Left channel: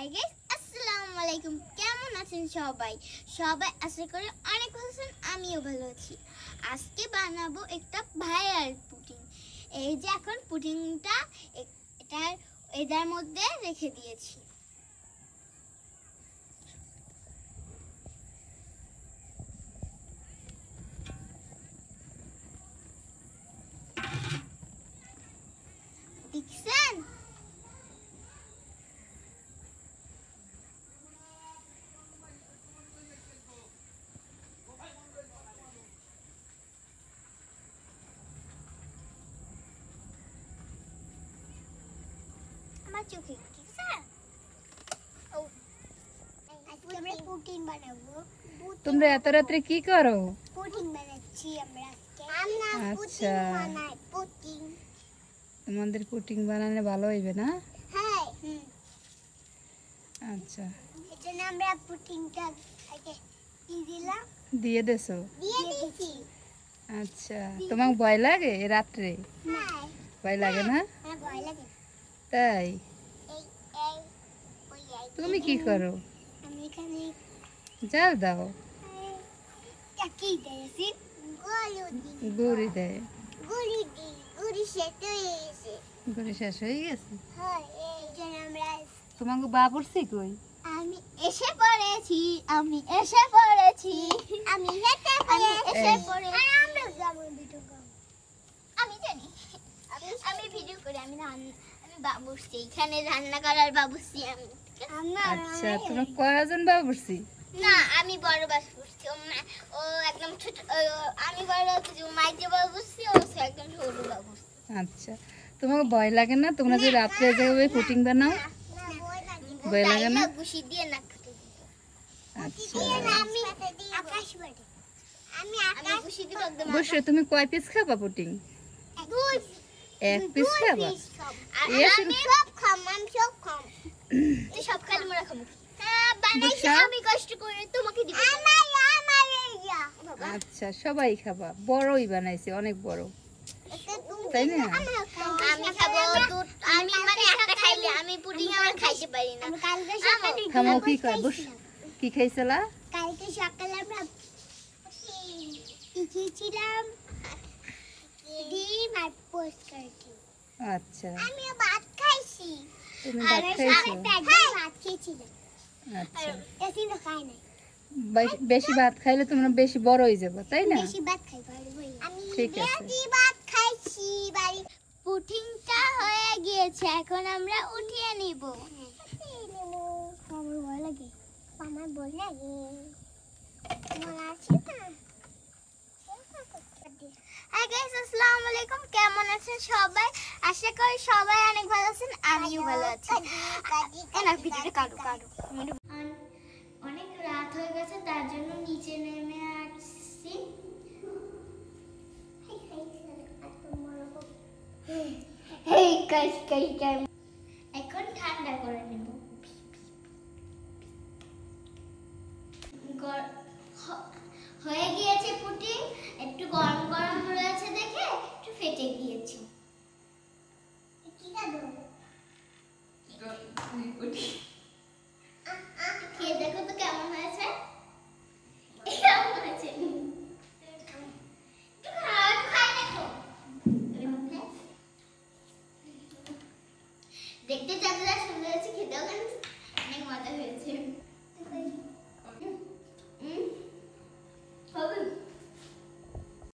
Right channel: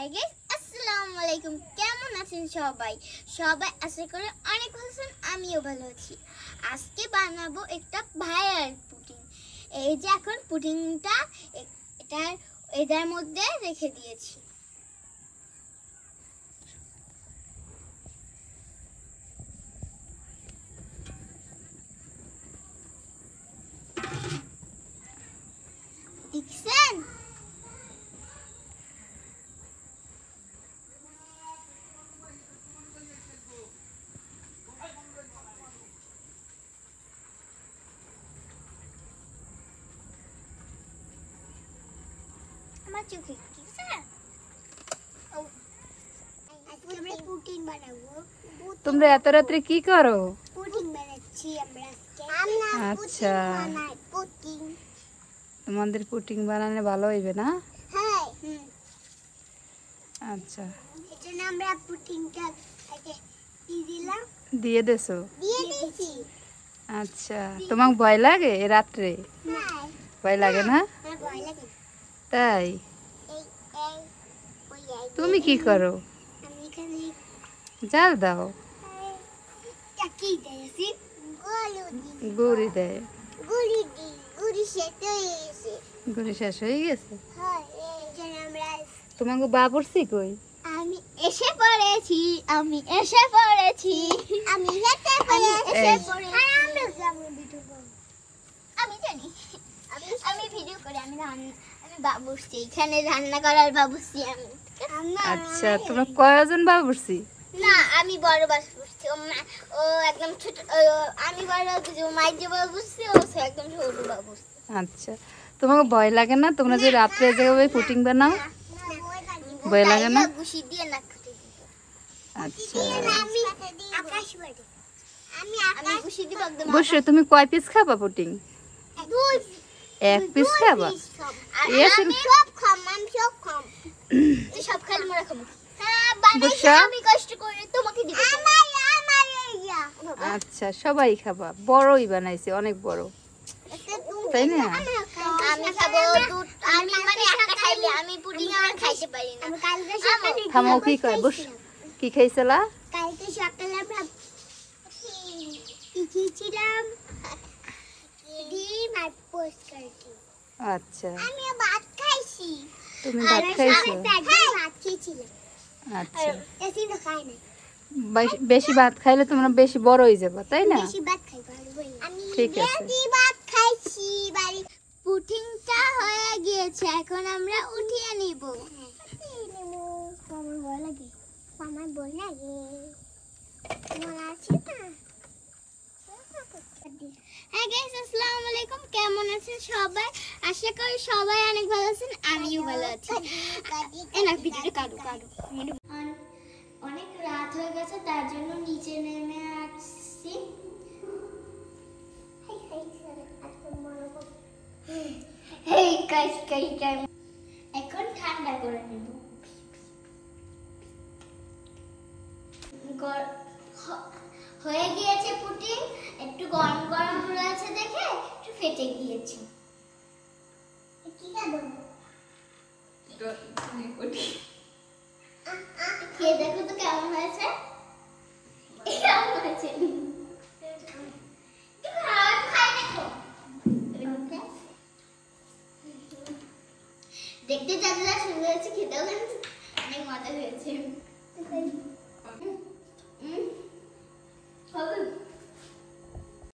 Hi guys, আসসালামু আলাইকুম। কেমন আছেন সবাই? সবাই আশা করি অনেক ভালো আছেন, আমিও ভালো আছি। আজকে বানাবো একটা ভাইরাল পুডিং। এই যে এখন পুডিংটা এটার মধ্যে রেখে দিয়েছি। দেখছেন? আমার চোখে আমরা পুডিং বানাবো। তোমরা এত রাত্রে কি করো? পুডিং বানাচ্ছি আমরা আজকে। আচ্ছা, পুডিং তোমাদের পুডিং বানানো ভালো হইবে না? হ্যাঁ। আচ্ছা, এজন্য আমরা পুডিংটা আগে দিয়ে দেছো? দিয়ে দিয়েছি। আচ্ছা, তোমার ভয় লাগে এ রাত্রে? না, ভয় লাগে না? ভয় লাগে। তাই? এই তুমি কি করো? আমি এখানে জাল দাও? চাকি দিয়েছি, গুড়ি দেয়? গুড়ি শেষ হয়ে গেছে। গুড়ি শেষ হয়ে গেছে? হ্যাঁ, এজন্য আমরা তোমাকে বাবুর্চি কই? আমি এসে পড়েছি। আমি হেঁটে পড়েছি। আমি জানি, আমি ভিডিও করি। আমি বাবুর্চি, এখানে রান্না করার বাবুর্চি আমি। আচ্ছা, তোমরা কয়জন বাবুর্চি? না, আমি বড় বাবুর্চি। ও একদম ছোট। আমি বড় বাবুর্চি, ও মাইজে বাবুর্চি, ও একদম ছোট বাবুর্চি। আচ্ছা, তোমাকে ভয় লাগে না? তোমরা যে রাত্রে জায়গায় পুডিং বানাও, ভয় লাগে না? গুছি দিয়ে না কেটে দিত। আচ্ছা, আমি গুছি দিব একদম। বসে তুমি কয় পিস খাবা পুডিং? এক পিস খাবা? আমি সব খাম। তুই সব খালি মরা খাবো। হ্যাঁ, বানাইছি আমি কষ্ট করে তোমাকে দিব। আচ্ছা, সবাই খাবা? বড়ই বানাইছে, অনেক বড়, তাই না? আমি খাবো দুধ। আমি মানে একটা খাইলে আমি পুডিং আমার খাইতে পারি না। থামো, কি কয়? বস, কি খাইছলা? কালকে সকালে আমরা খেয়েছিলাম ডিম আর পোস্ট কাটি। আচ্ছা, আমি ভাত খাইছি। তুমি ভাত খাইছো? ভাত খেয়েছিলাম। আচ্ছা, বেশি তো খাই না। বেশি ভাত খাইলে তোমরা বেশি বড় হয়ে যাবে, তাই না? বেশি ভাত খাই পারবো। আমি ঠিক আছে। বেশি ভাত খাইছি বাড়ি। পুডিংটা হয়ে গিয়েছে, এখন আমরা উঠিয়ে নিব। আমার ভয় লাগে। আমার ভয় লাগে। মনে আছে না? হাই গাইস, আসসালামু আলাইকুম। কেমন আছেন সবাই? আশা করি সবাই অনেক ভালো আছেন, আমিও ভালো আছি। এনা ভিডিওটা কাটো। অনেক রাত হয়ে গেছে, তার জন্য নিচে নেমে আসছি। এখন ঠান্ডা করে নেব। হয়ে গিয়েছে পুডিং। একটু গরম গরম রয়েছে দেখে একটু ফেটে গিয়েছে। কি খাবো? খেয়ে দেখো তো কেমন হয়েছে। কেমন হয়েছে? দেখতে যতটা সুন্দর হয়েছে, খেতেও অনেক মজা হয়েছে।